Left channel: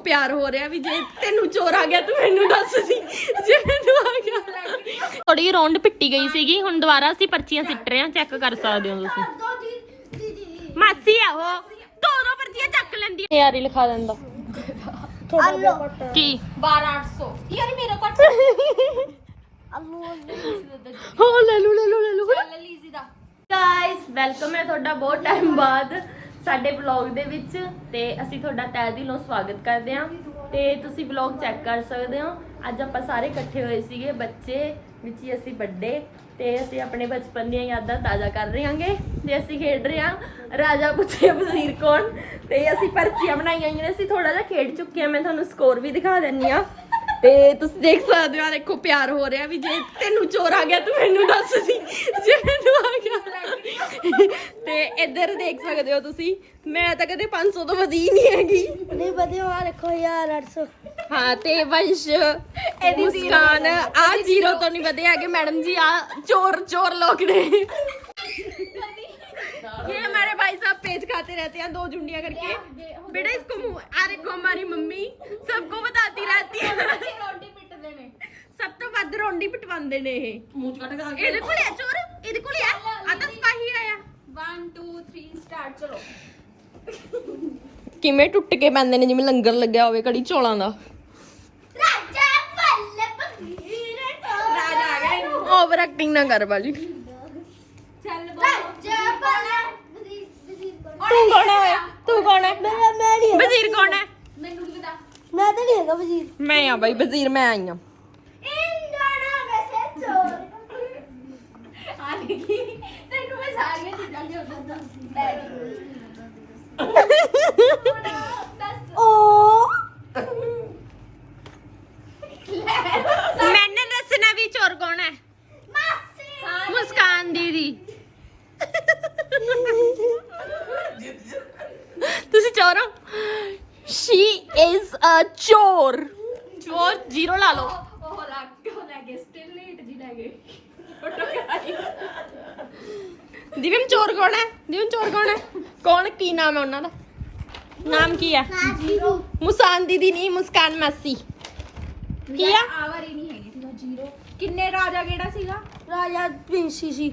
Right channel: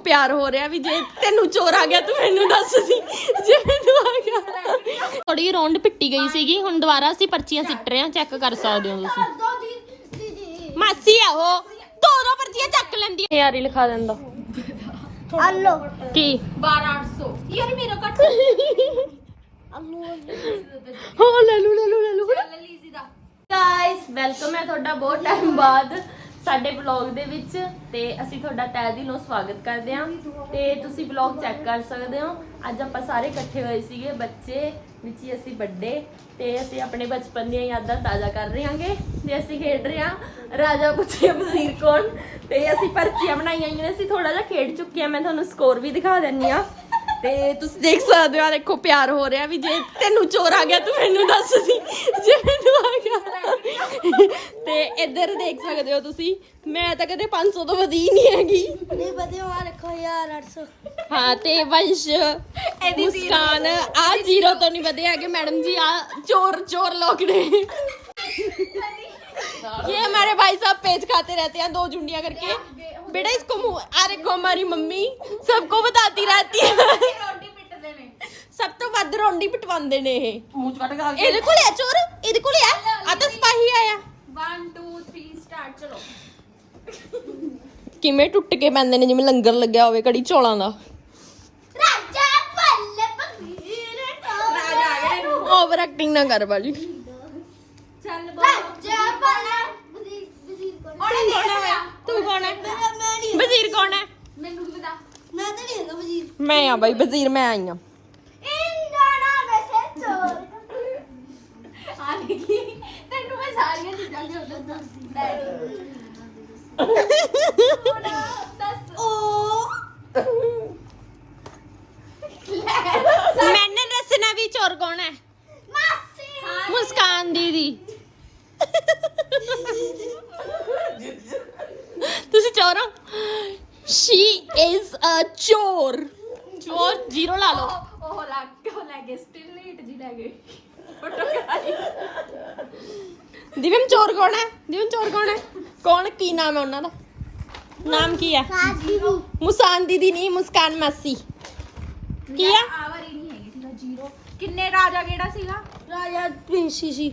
ਪਿਆਰ ਹੋ ਰਿਹਾ ਵੀ ਜੇ ਤੈਨੂੰ ਚੋਰ ਆ ਗਿਆ ਤੂੰ ਮੈਨੂੰ ਦੱਸ ਦੀ। ਜੇ ਮੈਨੂੰ ਆ ਗਿਆ। ਥੋੜੀ ਰੌਂਡ ਪਿੱਟੀ ਗਈ ਸੀਗੀ ਹੁਣ ਦੁਬਾਰਾ ਅਸੀਂ ਪਰਚੀਆਂ ਸਿੱਟ ਰਹੇ ਹਾਂ ਚੈੱਕ ਕਰ ਸਕਦੇ ਹੋ ਤੁਸੀਂ। ਮਾਸੀ ਆ ਉਹ ਦੋ ਦੋ ਪਰਚੀਆਂ ਚੱਕ ਲੈਂਦੀ ਹੈ ਯਾਰ ਲਿਖਾ ਦਿੰਦਾ। ਆਲੋ। ਕੀ? 12800 ਕਿਉਂ ਨਹੀਂ ਮੇਰਾ ਕੱਟ ਆਲੂ ਹੋ ਲੈ ਲੂ ਲੈ ਲੂ ਲੈ ਲੂ ਗਾਇਸ ਵੈਲਕਮ ਹੈ ਤੁਹਾਡਾ ਬਹੁਤ ਟਾਈਮ ਬਾਅਦ। ਸਾਡੇ ਵਲੌਗ ਦੇ ਵਿੱਚ ਤੇ ਅਸੀਂ ਤੁਹਾਡਾ ਤਹਿ ਦਿਲੋਂ ਸਵਾਗਤ ਕਰਦੇ ਹਾਂ ਤੇ ਤੁਸੀਂ ਵਲੌਗ ਚੈੱਕ ਕਰ ਸਕਦੇ ਹੋ। ਅੱਜ ਆਪਾਂ ਸਾਰੇ ਇਕੱਠੇ ਹੋਏ ਸੀਗੇ, ਬੱਚੇ, ਵਿੱਚ ਹੀ ਅਸੀਂ ਵੱਡੇ ਤੇ ਅਸੀਂ ਆਪਣੇ ਬਚਪਨ ਦੀਆਂ ਯਾਦਾਂ ਤਾਜ਼ਾ ਕਰ ਰਹੇ ਹਾਂਗੇ ਤੇ ਅਸੀਂ ਖੇਡ ਰਹੇ ਹਾਂ ਰਾਜਾ ਪੁੱਛੇ ਵਜ਼ੀਰ ਕੌਣ ਤੇ ਅਸੀਂ ਪਰਚੀਆਂ ਬਣਾਈਆਂ ਹੋਈਆਂ ਨੇ, ਅਸੀਂ ਥੋੜਾ ਜਿਹਾ ਖੇਡ ਚੁੱਕੇ ਹਾਂ, ਮੈਂ ਤੁਹਾਨੂੰ ਸਕੋਰ ਵੀ ਦਿਖਾ ਦਿੰਨੀ ਆ ਤੇ ਤੁਸੀਂ ਦੇਖ ਸਕਦੇ ਹੋ ਆਹ ਦੇਖੋ ਪਿਆਰ ਹੋ ਰਿਹਾ ਵੀ ਜੇ ਤੈਨੂੰ ਚੋਰ ਆ ਗਿਆ ਤੂੰ ਮੈਨੂੰ ਦੱਸ ਦੀ ਜੇ ਮੈਨੂੰ ਆ ਗਿਆ ਤੇ ਇੱਧਰ ਦੇਖ ਸਕਦੇ ਹੋ ਤੁਸੀਂ ਮੈਂ ਤਾਂ ਕਦੇ 500 ਤੋਂ ਵਧੀ ਨਹੀਂ ਹੈਗੀ ਨਹੀਂ ਵਧੀਆ ਆ ਦੇਖੋ ਯਾਰ 800 ਹਾਂ ਤੇ ਵੰਸ਼ ਮੁਸਕਾਨ ਆ ਜ਼ੀਰੋ ਤੋਂ ਨਹੀਂ ਵਧੇ ਹੈਗੇ ਮੈਡਮ ਜੀ ਆ ਚੋਰ ਚੋਰ ਲੋਕ ਨੇ ये हमारे भाई साहब पेज खाते रहते हैं दो जुंडियां करके बेटा इसको मुंह आ देखो हमारी मम्मी सबको बताती रहती है ਰੋਟੀ ਪਿੱਟਦੇ ਨੇ ਸਭ ਤੋਂ ਵੱਧ ਰੋਂਡੀ ਪਟਵਾਉਂਦੇ ਨੇ ਇਹ ਮੂੰਹ ਚ ਕੱਟ ਖਾ ਕੇ ਇਹਦੇ ਕੋਲ ਆ ਚੋਰ ਇਹਦੇ ਕੋਲ ਆ ਆ ਤਾਂ ਸਪਾਹੀ ਆਇਆ 1 2 3 ਸਟਾਰਟ ਚਲੋ ਕਿਵੇਂ ਟੁੱਟ ਕੇ ਪੈਂਦੇ ਨੇ ਜਿਵੇਂ ਲੰਗਰ ਲੱਗਿਆ ਹੋਵੇ ਕੜੀ ਚੌਲਾਂ ਦਾ ਰਾਜਾ ਪੱਲੇ ਪਗੀਰ ਰਾਜਾ ਆ ਗਿਆ ਇਹਨੂੰ ਓਵਰ ਐਕਟਿੰਗ ਨਾ ਕਰ ਬਾਜੀ ਚੱਲ ਰਾਜਾ ਬਣਾ ਤੂੰ ਕੌਣ ਹੈ ਤੂੰ ਕੌਣ ਹੈ? ਮੈਂ ਨਹੀਂ ਵਜ਼ੀਰ ਕੌਣ ਹੈ? ਮੈਨੂੰ ਕੀ ਪਤਾ? ਮੈਂ ਤਾਂ ਨਹੀਂ ਹੈਗਾ ਵਜ਼ੀਰ। ਮੈਂ ਆ ਬਾਈ ਵਜ਼ੀਰ ਮੈਂ ਆਈ ਆ ਇੰਦਾਣਾ ਵੈਸੇ ਚੋਰ। ਆ ਦੇਖੀ ਤੈਨੂੰ ਮੈਂ ਸਾਰੀਆਂ ਚੀਜ਼ਾਂ ਦੇ ਉੱਤੇ ਦੱਸਦੀ। ਦੱਸ ਓ ਮੈਨੇ ਦੱਸਣਾ ਵੀ ਚੋਰ ਕੌਣ ਹੈ? ਮਾਸੀ ਹਾਂ ਮੁਸਕਾਨ ਦੀਦੀ। ਤੁਸੀਂ ਚੋਰ ਹੋ ਸ਼ੀ ਇਜ਼ ਅ ਚੋਰ ਚੋਰ ਜ਼ੀਰੋ ਲਾ ਲਓ। ਉਹ ਲੱਗ ਉਹ ਲੈ ਗਏ। ਸਟਿਲ ਲੇਟ ਜੀ ਲੈ ਗਏ। ਫੋਟੋ ਕਰਾਈ ਦਿਵਮ ਚੋਰ ਕੌਣ ਹੈ? ਦਿਵਮ ਚੋਰ ਕੌਣ ਹੈ? ਕੌਣ? ਕੀ ਨਾਮ ਹੈ ਉਹਨਾਂ ਦਾ? ਨਾਮ ਕੀ ਹੈ? ਜ਼ੀਰੋ ਮੁਸਕਾਨ ਦੀਦੀ ਨਹੀਂ ਮੁਸਕਾਨ ਮਾਸੀ। ਕੀ ਆ? ਆਵਰ ਹੀ ਨਹੀਂ ਹੈਗੀ ਜ਼ੀਰੋ ਕਿੰਨੇ ਰਾਜਾ ਕਿਹੜਾ ਸੀਗਾ? ਰਾਜਾ ਪ੍ਰਿੰਸੀ ਸੀ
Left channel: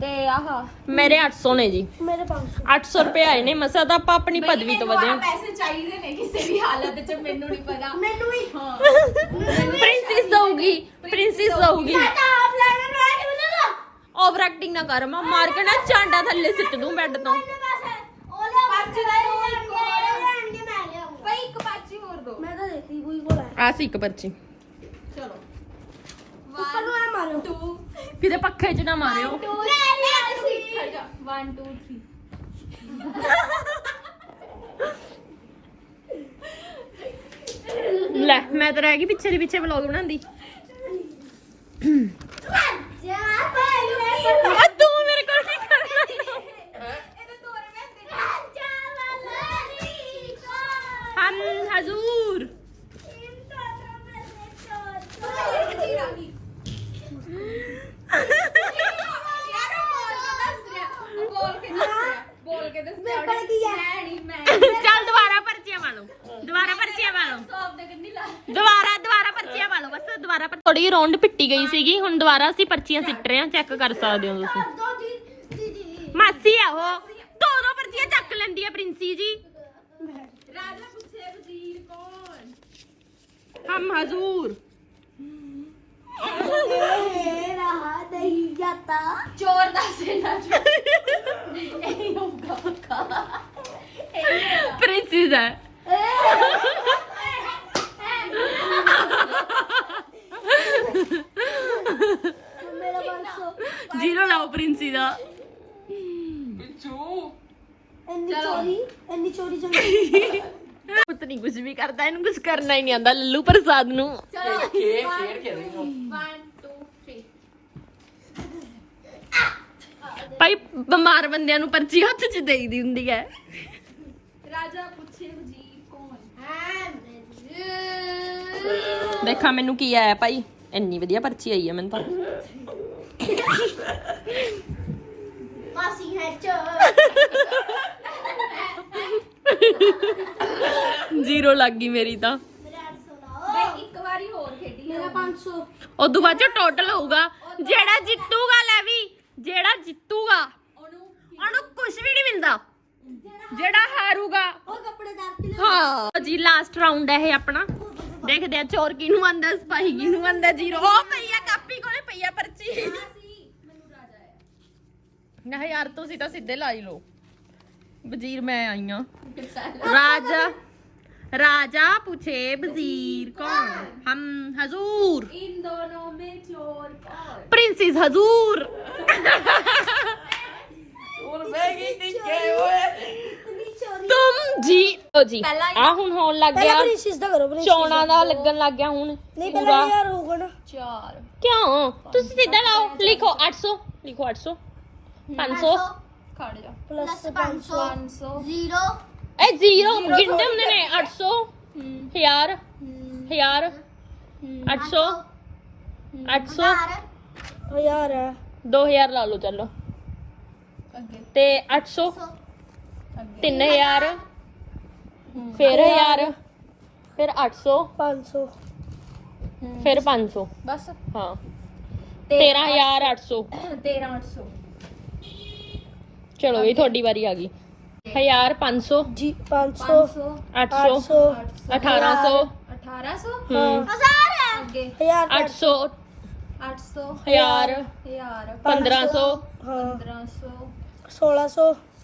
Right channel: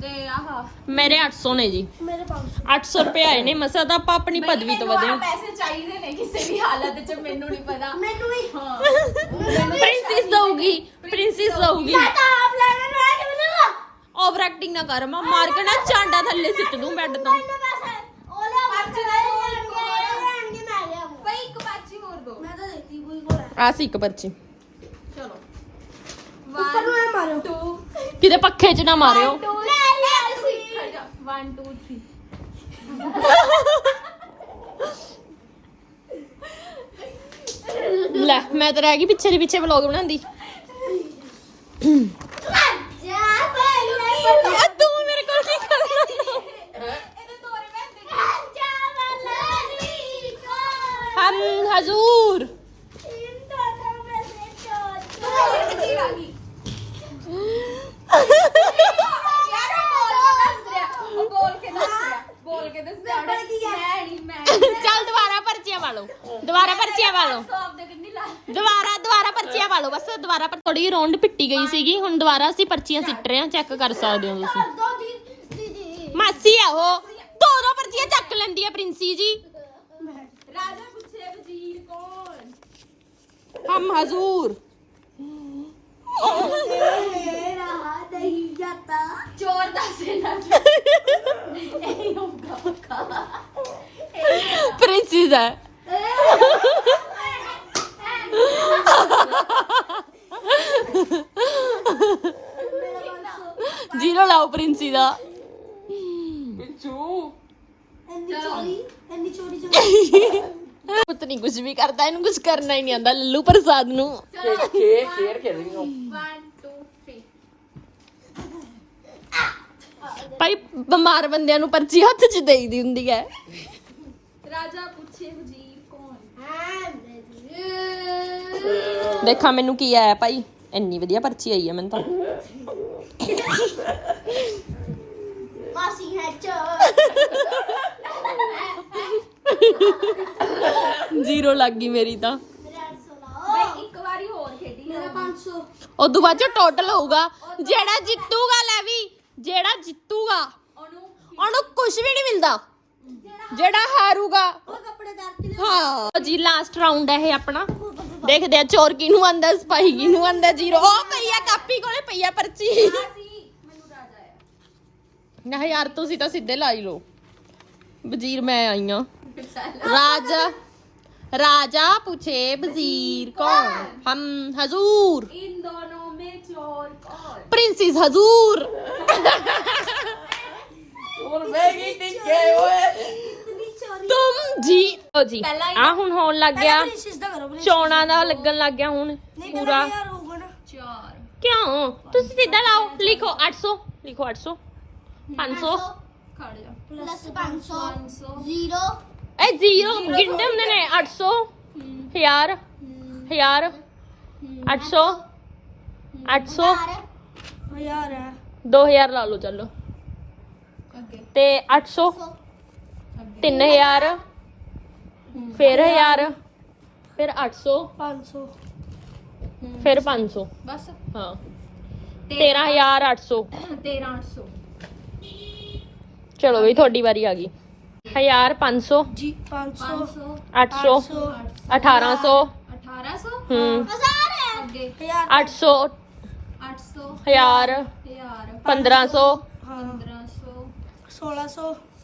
ਤੇ ਆਹਾ ਮੇਰੇ 800 ਨੇ ਜੀ। ਮੇਰੇ 500 800 ਰੁਪਏ ਆਏ ਨੇ ਮਸਾ ਤਾਂ ਆਪਾਂ ਆਪਣੀ ਪਦਵੀ ਤੋਂ ਵਧੇ। ਹਾਂ। ਪੈਸੇ ਚਾਹੀਦੇ ਨੇ ਕਿਸੇ ਵੀ ਹਾਲਤ 'ਚ ਮੈਨੂੰ ਨਹੀਂ ਪਤਾ। ਮੈਨੂੰ ਵੀ। ਹਾਂ। ਪ੍ਰਿੰਸੈਸ ਦਊਗੀ ਪ੍ਰਿੰਸੈਸ ਦਊਗੀ। ਤਾਂ ਆਪ ਲੈਣੇ ਨੂੰ ਆ ਕੇ ਮਿਲੇਗਾ ਓਵਰ ਐਕਟਿੰਗ ਨਾ ਕਰ ਮੈਂ ਮਾਰ ਕੇ ਨਾ ਚਾਂਡਾ ਥੱਲੇ ਸਿੱਟ ਦੂੰ ਬੈੱਡ ਤੋਂ। ਪੈਸੇ ਉਹ ਲੈ ਪਾਚੀ ਦਾ ਲੈਣਗੇ ਮੈਂ ਲਿਆਉਂਗਾ ਭਾਈ ਇੱਕ ਪਾਚੀ ਹੋਰ ਦੋ। ਮੈਂ ਤਾਂ ਦਿੱਤੀ ਕੋਈ ਕੋਲ ਆ ਸੀ ਇੱਕ ਪਰਚੀ। ਉੱਪਰ ਨੂੰ ਐ ਮਾਰੋ 2 ਕਿਤੇ ਪੱਖੇ 'ਚ ਨਾ ਮਾਰਿਓ। 2 ਲੈ ਲੈ ਤੁਸੀਂ। ਖੜ ਜਾ। 1 2 3 ਲੈ ਮੈਂ ਤਾਂ ਰਹਿ ਗਈ ਪਿੱਛੇ ਦੀ ਪਿੱਛੇ ਵਲੌਗ ਬਣਾਉਂਦੀ ਜਾ ਪਹਿਲੇ ਆ ਤੂੰ ਮੇਰੇ ਕੋਲ ਕੀ ਕਰਦਾ ਇਹਦੇ ਤੋਰੇ ਮੈਂ ਜਾ ਵਾਲੀ ਕੋ ਹਮ ਹਜ਼ੂਰ ਇੰਦਾ ਤਾਂ ਮੈਂ ਚੋਰ ਤੂੰ ਵਜ਼ੀਰ ਆ ਗਈ ਯਾਰ ਉਹ ਬੋਲ ਕੇ ਦੱਸ ਰਿਹਾ ਉਹ ਬੋਲ ਕੇ ਦੱਸ ਰਿਹਾ ਬੋਲ ਕੇ ਦੱਸ ਰਿਹਾ ਮੈਂ ਨਹੀਂ ਮੈਂ ਚੱਲ ਦੁਬਾਰਾ ਪਰਚੀਆਂ ਵਾਲੋ ਦੁਬਾਰਾ ਪਰਚੀਆਂ ਵਾਲੋ ਸੌਪ ਦੇ ਕਿੰਨੀ ਲਾ ਦੁਬਾਰਾ ਦੁਬਾਰਾ ਪਰਚੀਆਂ ਵਾਲੋ ਬਸ ਦੁਬਾਰਾ ਪਰ ਥੋੜੀ ਰੌਂਡ ਪਿੱਟੀ ਗਈ ਸੀਗੀ ਹੁਣ ਦੁਬਾਰਾ ਅਸੀਂ ਪਰਚੀਆਂ ਸਿੱਟ ਰਹੇ ਹਾਂ ਚੈੱਕ ਕਰ ਸਕਦੇ ਹੋ ਤੁਸੀਂ। ਦੋ ਦੀ ਦੀਦੀ ਮਾਸੀ ਆ ਉਹ ਦੋ ਦੋ ਪਰਚੀਆਂ ਚੱਕ ਲੈਂਦੀ ਆ ਪ੍ਰਿੰਸੀ ਜੀ। ਰਾਜਾ ਪੁੱਛੇ ਵਜ਼ੀਰ ਕੌਣ? ਹਮ ਹਜ਼ੂਰ। ਰਹਾ ਨਹੀਂ ਜਾਤਾ। ਚੋਰ ਦਾ ਸੇਨਾ ਇਹ ਹੋਗਾ ਪੱਕਾ ਪ੍ਰਿੰਸੀ ਦਾ। ਮੇਰਾ ਬਾਸੋ ਜੀਰੋ ਲਾਓ ਪ੍ਰਿੰਸੀ ਦਾ ਇੰਨੀ ਚੋਰੀ ਇੰਨੀ ਚੋਰੀ ਚੋਰੀ ਪੁੱਤ ਨਹੀਂ ਕੁਝ ਵੀ ਕਰਦਾ ਇਹਨੂੰ ਕੁਝ ਕਰਨਾ ਹੀ ਨਹੀਂ ਆਂਦਾ ਲੱਲੂ ਪ੍ਰਸਾਦ ਨੂੰ। ਚਲੋ ਖੇਡ ਖੇਡ ਰਹੀ 1 2 3 ਭਾਈ ਬਿਮਾਰ ਬੰਦਿਆਂ ਨੂੰ ਪਰਚੀ ਹੱਥ 'ਚ ਦੇਈਦੀ ਹੁੰਦੀ ਹੈ। ਰਾਜਾ ਪੁੱਛੇ ਹਾਂ ਦੇਖਾਂ ਮੈਨੂੰ ਕੀ ਆਇਆ ਭਾਈ। ਇੰਨੀ ਵਧੀਆ ਪਰਚੀ ਆਈ ਹੈ ਮੈਨੂੰ ਤਾਂ। ਮਾਸੀ ਹੈ ਚੋਰ ਜ਼ੀਰੋ ਲੱਗ ਗਈ ਮੇਰੀ ਤਾਂ। ਮੈਂ ਇੱਕ ਵਾਰੀ ਹੋਰ ਖੇਡੀ ਮੇਰਾ 500 ਉਦੋਂ ਬਾਅਦ ਚ ਟੋਟਲ ਹੋਊਗਾ। ਜਿਹੜਾ ਜਿੱਤੂਗਾ ਲੈ ਵੀ। ਜਿਹੜਾ ਜਿੱਤੂਗਾ ਉਹਨੂੰ ਉਹਨੂੰ ਕੁਝ ਵੀ ਨਹੀਂ ਮਿਲਦਾ। ਜਿਹੜਾ ਹਾਰੂਗਾ ਉਹ ਕੱਪੜੇ ਦਰ ਕੇ ਹਾਂ ਜੀ ਲਾਸਟ ਰਾਉਂਡ ਹੈ ਇਹ ਆਪਣਾ ਦੇਖਦੇ ਆ ਚੋਰ ਕਿਹਨੂੰ ਆਂਦਾ ਸਪਾਈ ਕਿਹਨੂੰ ਆਂਦਾ ਜ਼ੀਰੋ ਉਹ ਪਈਆ ਕਾਪੀ ਕੋਲੇ ਪਈਆ ਪਰਚੀ ਸੀ ਮੈਨੂੰ ਰਾਜਾ ਆਇਆ ਨਾ ਯਾਰ ਤੁਸੀਂ ਤਾਂ ਸਿੱਧੇ ਲਾਈ ਲੋ ਵਜ਼ੀਰ ਮੈਂ ਆਈ ਆ ਰਾਜਾ राजा पूछे वजीर कौन हम हजूर इन दोनों में चोर कौन प्रिंसेस हजूर ਪ੍ਰੀਤਮ ਜੀ। ਲਓ ਜੀ ਪਹਿਲਾਂ ਹੀ- ਆ ਹੁਣ ਹੋਣ ਲੱਗ ਗਿਆ। ਚੌਣਾ ਦਾ ਲੱਗਣ ਲੱਗ ਗਿਆ ਹੁਣ ਪੂਰਾ। ਕਿਉਂ? ਤੁਸੀਂ ਸਿੱਧਾ ਲਾਓ ਲਿਖੋ 800 ਲਿਖੋ 800 500 ਖੜ 500 500 0 ਐ ਜ਼ੀਰੋ। ਗਿਣਦੇ ਨੇ 800 1000 1000 800 800 ਯਾਰ 2000 ਲਾ ਲਓ ਚੱਲੋ। ਅੱਗੇ। ਤੇ 800 3000 ਫਿਰ 1000 ਫਿਰ 800 500 ਫਿਰ 500 ਬਸ। ਹਾਂ। 13800 13800 ਚਲੋ ਵੀ ਤੁਹਾਡੀ ਵਾਰੀ ਆ ਗਈ। 1500 ਜੀ 500 800 1800 1800 1000 ਅੱਗੇ। 800 800 1000 1500 1500 1600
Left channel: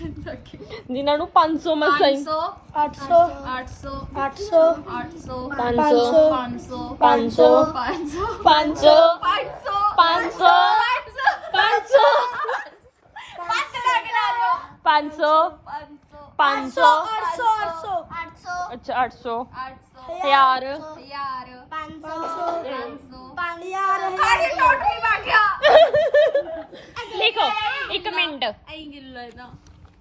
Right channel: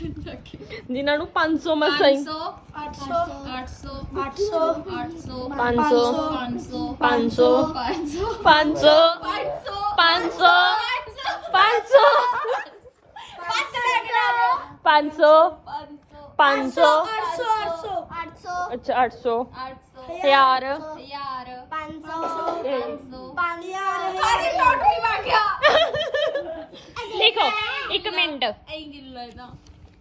ਜਿਨ੍ਹਾਂ ਨੂੰ 500 ਮਸਾਂ ਹੀ 500 800 800 800 800 500 500 500 500 500 500 500 500 500 ਅੱਛਾ 800 ਹਜ਼ਾਰ ਹਜ਼ਾਰ 500 500 5000 ਹਜ਼ਾਰ ਟੋਟਲੀ ਬਣ ਗਿਆ ਲਿਖੋ 1 ਮਿੰਟ ਐਂ ਗਿਲ ਲੈਦਾ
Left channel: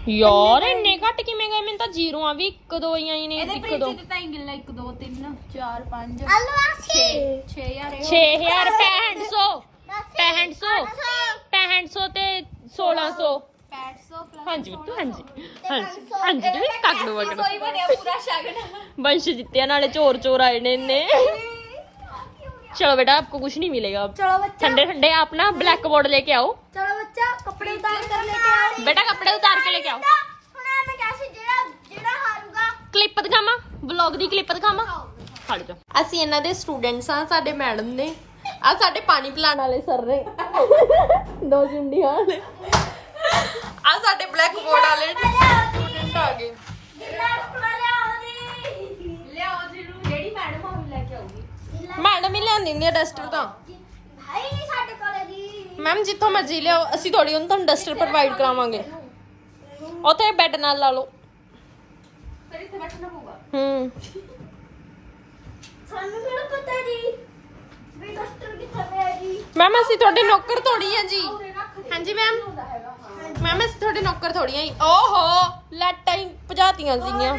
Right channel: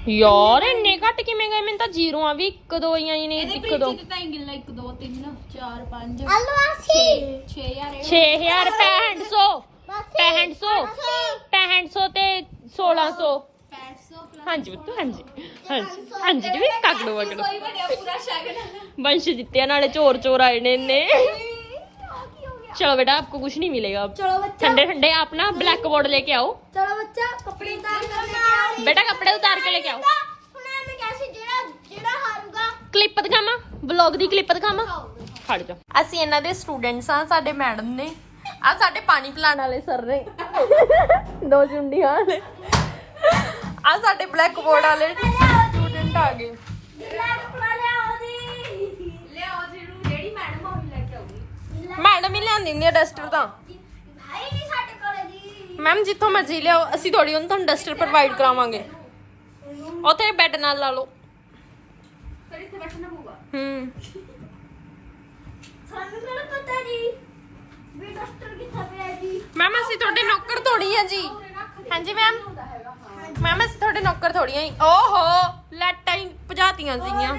ਯਾਰ ਇੰਨੇ ਘੱਟ ਕਿਵੇਂ ਗਏ? ਮੈਨੂੰ ਤਾਂ ਜ਼ੀਰੋਆਂ ਵੀ ਇੱਕ ਦੋ ਹੀ ਆਈ ਨੇ ਇਹਦੇ ਇੱਕ ਦੋ। ਪ੍ਰਿੰਸੀ ਦੀ ਤਾਂ ਇੰਗਲ 1 2 3 4 5 6 6000 6000 6500 6500 6500 ਤੇ 1600 500 ਪਲੱਸ ਹਾਂਜੀ ਬਿੱਟੂ ਹਾਂਜੀ ਹਾਂਜੀ ਹਾਂਜੀ ਜੀ ਕਾਕੜੋ ਵਗੜੋ ਕੋਈ ਵੀ ਨਹੀਂ ਪੂਰਾ ਸ਼ਗਨ ਵੰਸ਼ ਜਿੱਤਿਆ ਨਾਲੇ ਚੋਰ ਚੋਰ ਆਏ ਨੇ ਇੰਨੇ। चलो बेटा आपको कुछ नहीं मिलेगा अब ਚਲੋ ਬੱਚਾ ठंडे ठंडे आप ना ब्लैक बोर्ड लेके आओ ਚਲੋ ਬੱਚਾ ਕੱਪੜੇ ਉਤਾਰ ਕੇ ਲੈ बेटा कपड़े उतार के लेके आओ ਹੁਣ ਮੈਂ ਕੈਸੇ ਜਿਹੜਾ ਜਿਹੜਾ ਹਾਰੂਗਾ ਕਲਿੱਪ ਦਿਖਾਵਾਂ ਵਲੌਗ ਦੀ ਕਲਿੱਪ ਦਿਖਾਵਾਂ ਖੜ ਜਾ ਅਸੀਂ ਇਹਨਾਂ ਦੇ ਸਟੂਡੈਂਟਸ ਆ ਸਾਡੇ ਮੈਡਮ ਨੇ ਆ ਸਾਡੇ ਪਾਣੀ ਪਿਲਾਉਣ ਵਾਲੇ ਸਰ ਨੇ ਦੋ ਚੁੰਡੀਆਂ ਵਾਲੇ ਆ ਸਾਡੇ ਬਲੈਕ ਬੋਰਡ ਵਾਲੇ ਸਟੂਡੈਂਟ ਆ ਗਏ ਮੈਡਮ ਹੀ ਲਿਆਉਂਦੀ ਹੁੰਦੀ ਆ ਡਸਟਰ ਤਾਂ। ਹੈ ਨਹੀਂ ਸਾਡੇ ਕੋਲ ਜੀ। ਮੈਮ ਜਿੱਥੋਂ ਮਰਜ਼ੀ ਲਿਆਓ ਅਸੀਂ ਥੋੜੀ ਉਹਨੂੰ ਤੁਹਾਨੂੰ ਡਸਟਰ ਪ੍ਰੋਵਾਈਡ ਕਰਾਵਾਂਗੇ। ਉੱਥੇ ਬੈੱਡ ਨਾਲ ਲਾ ਲਓ। ਫਿਰ ਇੱਥੇ ਬੈਠਣਾ ਪਊਗਾ। ਹੂੰ। ਸਾਨੂੰ ਕਿਹੜਾ ਪਤਾ ਜੀ? ਵੀ ਡਸਟਰ ਕਿੱਥੇ ਪਿਆ ਜੀ? ਮੈਮ ਅਸੀਂ ਤੁਹਾਡੇ ਨੌਕਰ ਥੋੜੀ ਆ ਜੀ। ਹਾਂਜੀ ਮੈਮ। ਮੈਮ ਅਸੀਂ ਤੁਹਾਡੇ ਨੌਕਰ ਥੋੜੀ ਆ ਜੀ। ਓਹੋ ਲੈਟਾਂ ਹੀ ਭਜਾਤੀਆਂ ਸੀਗੀਆਂ।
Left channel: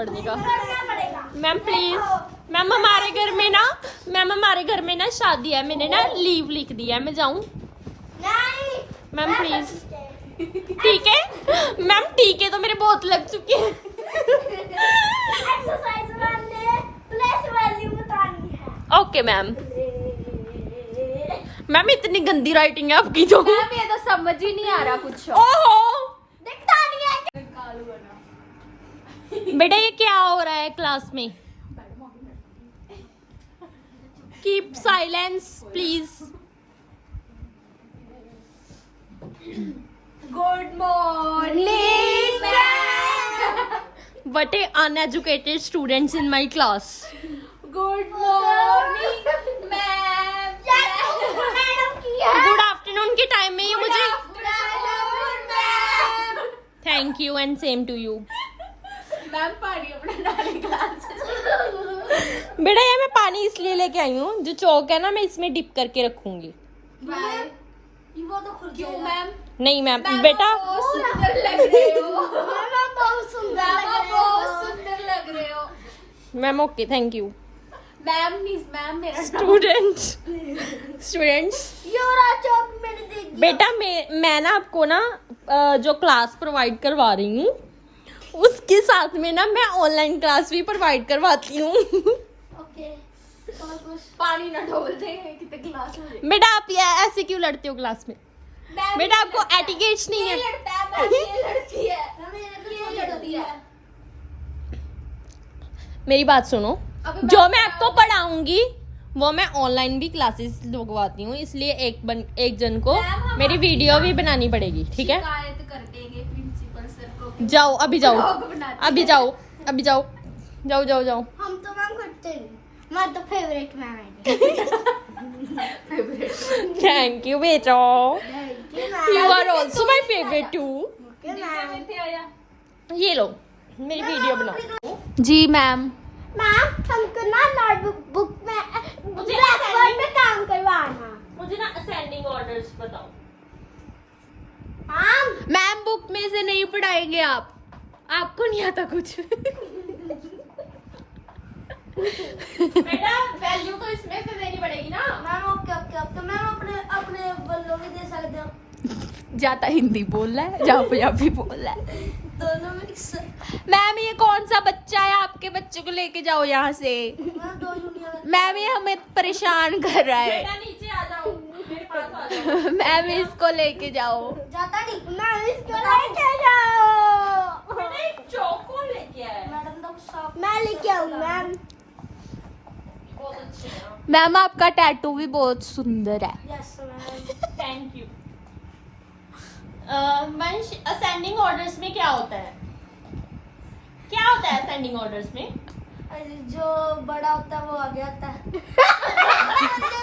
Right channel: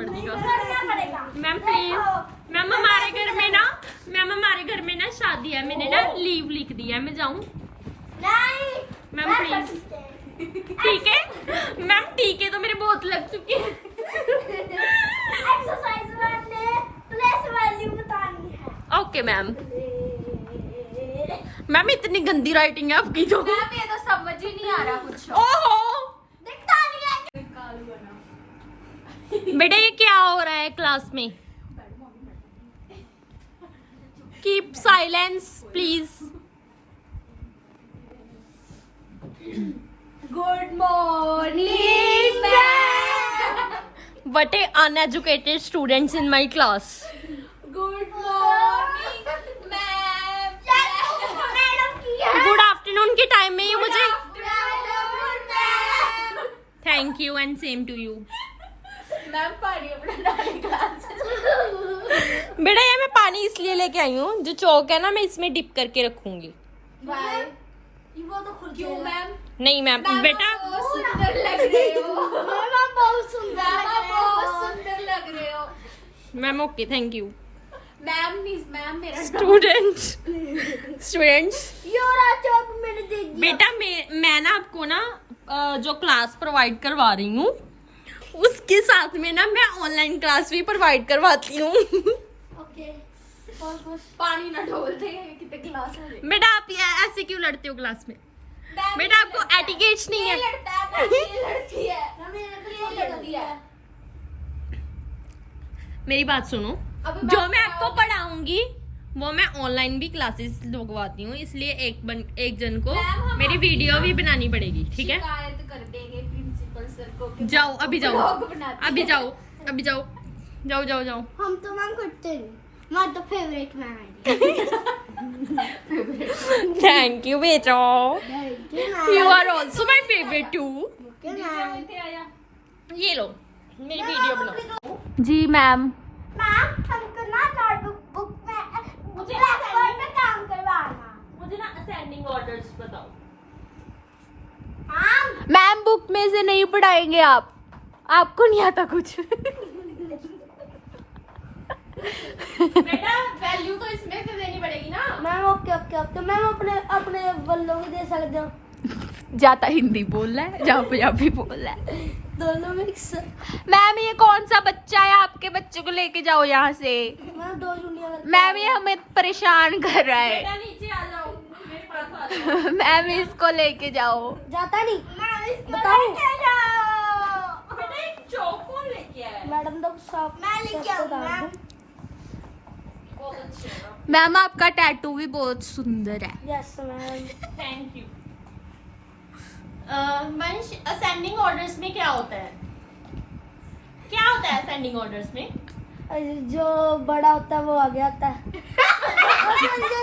का पड़ेगा। मैम प्लीज़ मैम हमारे घर में ना मैम हमारे घर में ना शादी है। मैंने ना लीव लिख दिया है। मैं जाऊँ? नहीं। मैम प्लीज़ ठीक है? मैम ठीक है तो मेरे बहुत लग चुके हैं। एक्सरसाइज वाले प्लेस वैल्यू बतानी है। ओके मैम मैम इतनी गंदी राइटिंग है आपकी तो। मैम ये तो समझ ही नहीं आ रहा कुछ। ओहो दिखता नहीं है कालू बना बेटा ये क्या हो रहा है क्लास में? Keep silence please good morning what a uneducated students in my class good है गुड आफ्टरनून के टाइम में ये मुझे thank you and same to you ma'am पानी अपना डाले ग्लास बेटा ये मैं पानी इसलिए लेके आई हूँ जो चौक है ना मैं इसमें डिप करके रखूँगी। बाय वो तो खुद क्यों मैम? नहीं मैम मैम, बेटा सुंदर लग रहे हो। मैम बहुत सुंदर लग रहे हो। सुंदर लग रहे हो। Ma'am okay thank you ma'am ma'am मेरा स्टूडेंट्स स्टूडेंट्स योरा मैंने दे बेटा मैं मैं ना आपको ना जो क्लास प्रोवाइड करवा रही हूँ उसके साथ में ना मैं ऑनलाइन क्लास भी प्रोवाइड करवाती हूँ। ओके और कुछ? पानी ना ढोल दे कितने गिलास में बेटा आप ये ऐसे क्यों लड़ते हो क्लास में? बेटा आपको एटिकेट्स नहीं है। है है। है। मेरी बात सुनो। जो मैं आपको पढ़ाऊँगी वो मैं ऑनलाइन भी क्लासेस लगवाती हूँ इसलिए एक बन, एक जन को मेरी वीडियो भी बनानी पड़ेगी ठीक है शिकायत कर देंगे प्रिंसिपल सर को कि जाओ अभी जाओ। अभी जाओ अभी जाओ। जाओ जाओ जाओ। हम तो मैम करते मैं तो फेवरेट मैम है। थैंक यू बेटा। You are also my favourite too ये लो मेरी वीडियो बनाओ जी मैम मैम हमको ना नोटबुक बुक में मुझे ब्लैकबोर्ड में काम करवाना। मुझे ना असेंडिंग ऑर्डर्स बताओ। मैम बुक में से नहीं पढ़ाएँगे आप। आपको नहीं आता कुछ? वैल्यू तो इसमें से देनी पड़ेगी ना। Ma'am okay okay okay. Ma'am अपने अपने बल्लों में दे सकते हो। जाता हिंदी बोल रहा है जहाँ पंजाबी बोल रहा है। दोनों मिक्स मैम ये कौन सा बच्चा है? आपके बच्चे को लेके जाओ यहाँ से। मैम ये हमें परेशान कर रहा है। नीचे आ जाओ। मेरे पास आ जाओ। मैम इसको लेके जाओ। मैम आपका टैटू भी बहुत सुंदर है। Yes ma'am thank you Vansh ascending orders में क्या होता है? क्या होता है असेंडिंग ऑर्डर्स में? जो बड़ा होता है वो आगे आता है। जो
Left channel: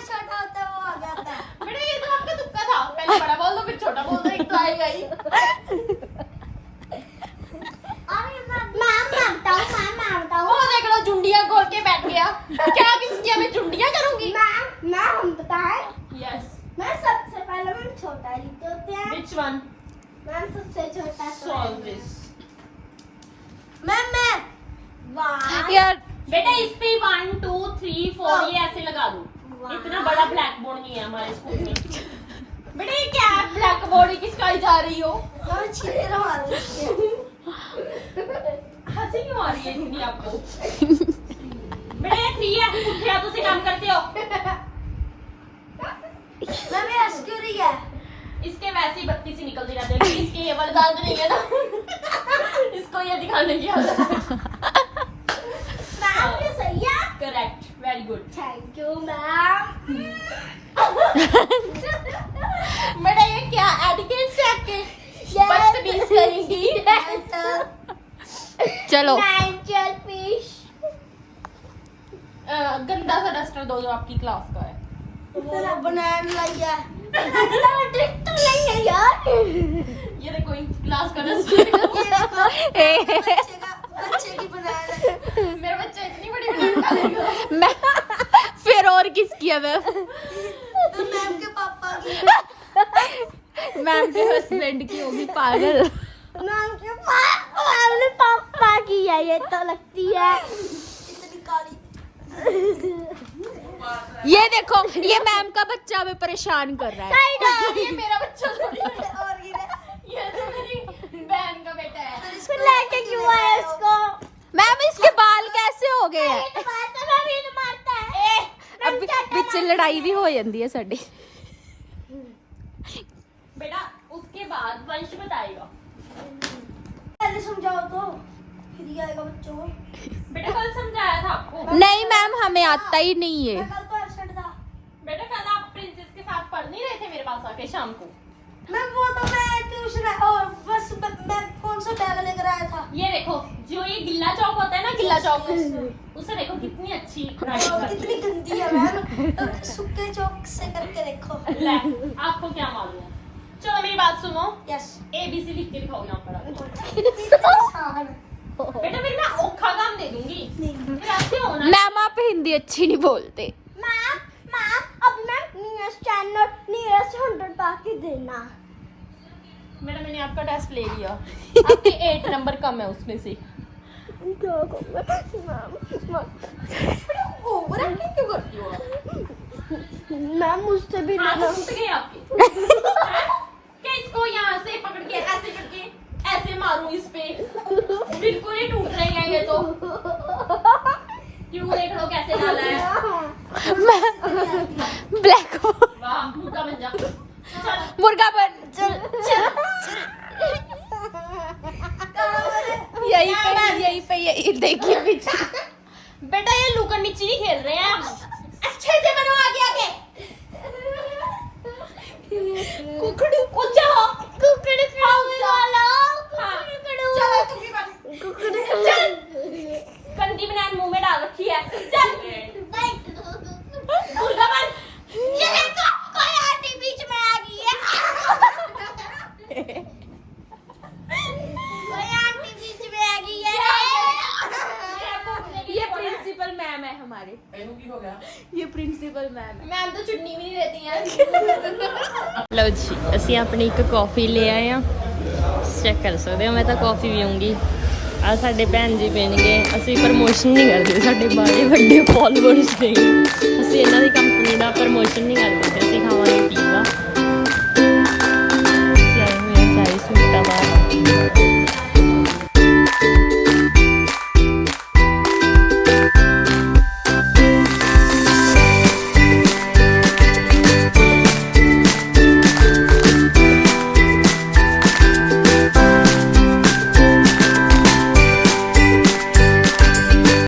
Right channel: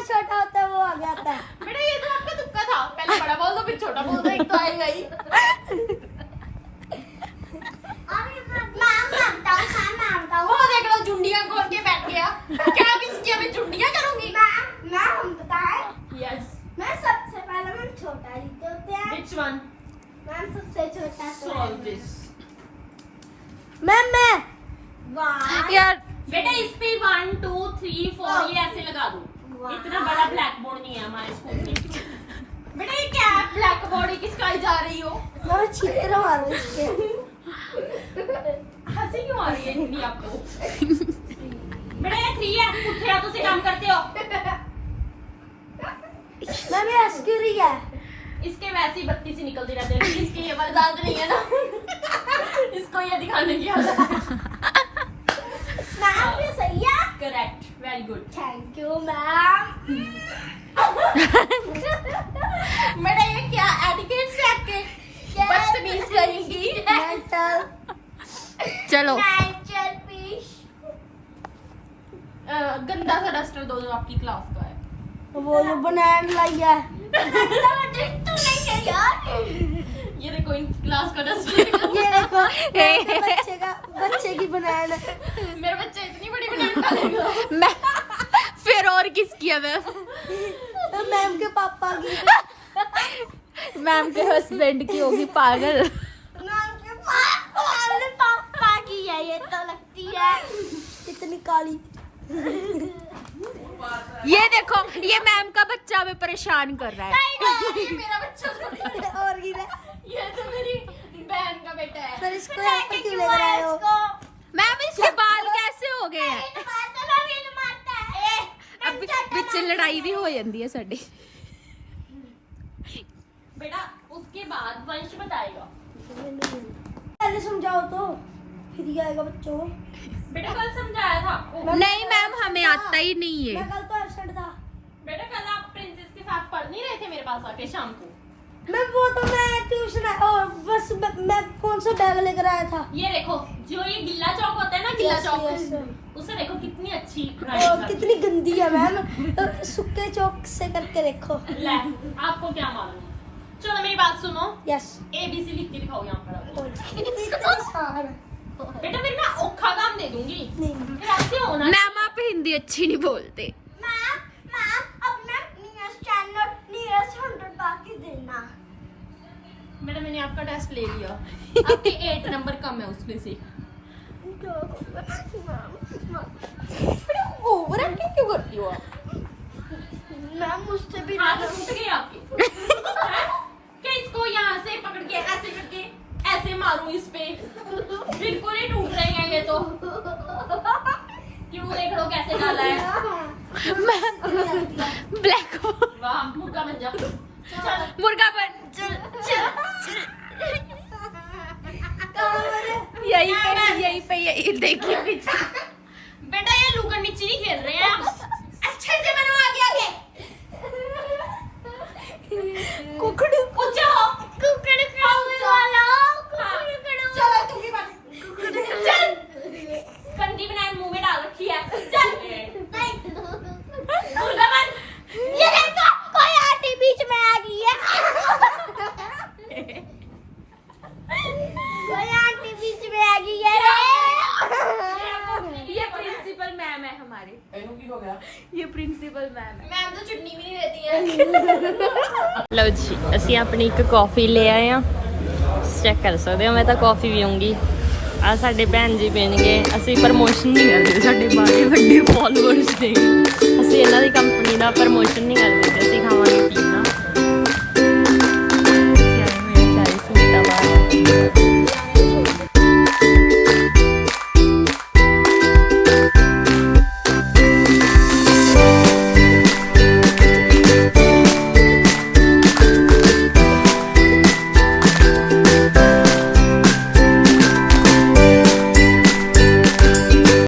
छोटा होता है वो आगे आता बेटा ये तो आपका तुक्का था। पहले बड़ा बोल दो फिर छोटा बोल दो एक तो आएगा ही हूँ मैं हूँ। जुंडिया खोल के बैठ गया। क्या इसकी मैं जुंडिया करूँगी? मैम मैम हम बताएँ यस मैं सबसे पहले मैम छोटा लिखते होते हैं व्हिच वन मैम सबसे छोटा सॉल्व दिस मैम मैं वन यार बेटा इस पे वन टू थ्री फोर ये ऐसे लगा दो. इतना बड़ा ब्लैक बोर्ड नहीं है हमारे स्कूल में। बेटा ये क्या है? ब्लैक बोर्ड की सिखाई जा रही हो? और छह वाले हँसी क्यों आ रही है इतनी आपको? बेटा ये थ्री है। पुट्ठे हाथों से काम करते हो। मैम मेरा स्क्यूरी है। इसके वैसे ही बत्ती से निकलती रहती है इसके ये वाला दांत नहीं है ना। इसको ये दिखाने की आदत है मैम ये सही है correct very good thank you ma'am बेटा ये क्या एटिकेट से आपके बदतमीज करेंगी। चलो। गंदा सा डस्टर दो जो आपकी क्लास का है। वो बनान लाया डिटेक्टर नहीं है यार। ये देखो इन क्लास का डस्टर ये देखो बच्चे का बच्चे की बनान मेरा बच्चा इतनी बड़ी बड़ी निकालेगा मैं फिर और किसकी है मैम तो मैम के पापा की मैम के हस्बैंड की होगी पागल। मैम के पापा पापा की है ये तो लगती है। इतनी काली। ये देखो ये मैम का बच्चा हमें परेशान कर रहा है। ये मेरा बच्चा थोड़ी और ये तो मेरी बहन का बेटा है। फिर इसको लेके क्यों आया इसको? मैम इसके बाल कैसे हो गए? हैं। नहीं अब पीछे लड़ाई भी हो जाती है साਡੀ बेटा उसके बाद वंश बताएगा। पहले समझाओ तो फिर ही आएगा बच्चों। बेटा कल समझाया था आपको। नहीं मैम हमें आता ही नहीं मैं है कल तो एबसेंट था। बेटा कल आप प्रिंसेस के साथ पढ़ नहीं रहे थे मेरे पास आके शाम को? मैं वो तो मैं ट्यूशन और बस मैं कौन सा बैग लेकर आया था? ये देखो जो ये गिल्ला चौक होता है ना गिल्ला चौक। उसे देखो कितनी अच्छी कितनी गंदी है मैम। सुक्के चौक से करके देखो। आपको क्या मालूम? चलो मेरी बात सुनो। यस ए बी सी लिख के दिखाओ यहाँ पर बेटा फिर मैं औखा काम दे दूँगी। फिर आपसे होना? मैम आप हिंदी अच्छी नहीं बोलते। मैम मैम अब मैं स्टैंडर्ड नियरेस्ट हंड्रेड बाकी देना। बेटा मैंने आपका टेस्ट ले लिया। आपके एट नंबर कम है उसमें से। ओवर एक्टिंग क्यों करती हो आप? मैम मुझसे भी हाथ टूट गए आपके। यहाँ से पकड़ के ऐसे करके ऐसे मारूं इस पे। बिल्कुल ही टूट रहे हैं ये तो। क्यों देख लो कैसे डाला है? ब्लैक वाह मुर्गा बन जा। चल मुर्गा पर चल यही पे यही पे यही देखिए बेटा ये लुकन मिची नहीं खेल रहे हैं। अच्छे से बनो आगे आगे। कुकड़ू ऊंचा हो कुकड़ू ਅਸੀਂ ਆਪਣੀ ਇੱਕ ਕਾਫੀ ਲੈ ਆਏ ਆ ਚੈੱਕ ਕਰ ਸਕਦੇ ਹੋ, ਮੈਂ ਤਾਂ ਕਾਫੀ ਪੀਉਂਗੀ ਆ ਸਾਡੇ ਭੈਣ ਜੀ ਪੀਣਗੇ। ਅਸੀਂ ਪ੍ਰਮੋਸ਼ਨ ਨਹੀਂ ਕਰਦੇ, ਸਾਡੇ ਬਾਰੇ ਵੱਡੇ ਫਾਲੋਅਰਸ ਨੇ। ਅਸੀਂ ਇਹਨਾਂ ਦੀ ਕੰਪਨੀ ਦਾ ਪ੍ਰਮੋਸ਼ਨ ਨਹੀਂ ਕਰਦੇ ਅਸੀਂ ਖਾਵਾਂਗੇ ਪੀਜ਼ਾ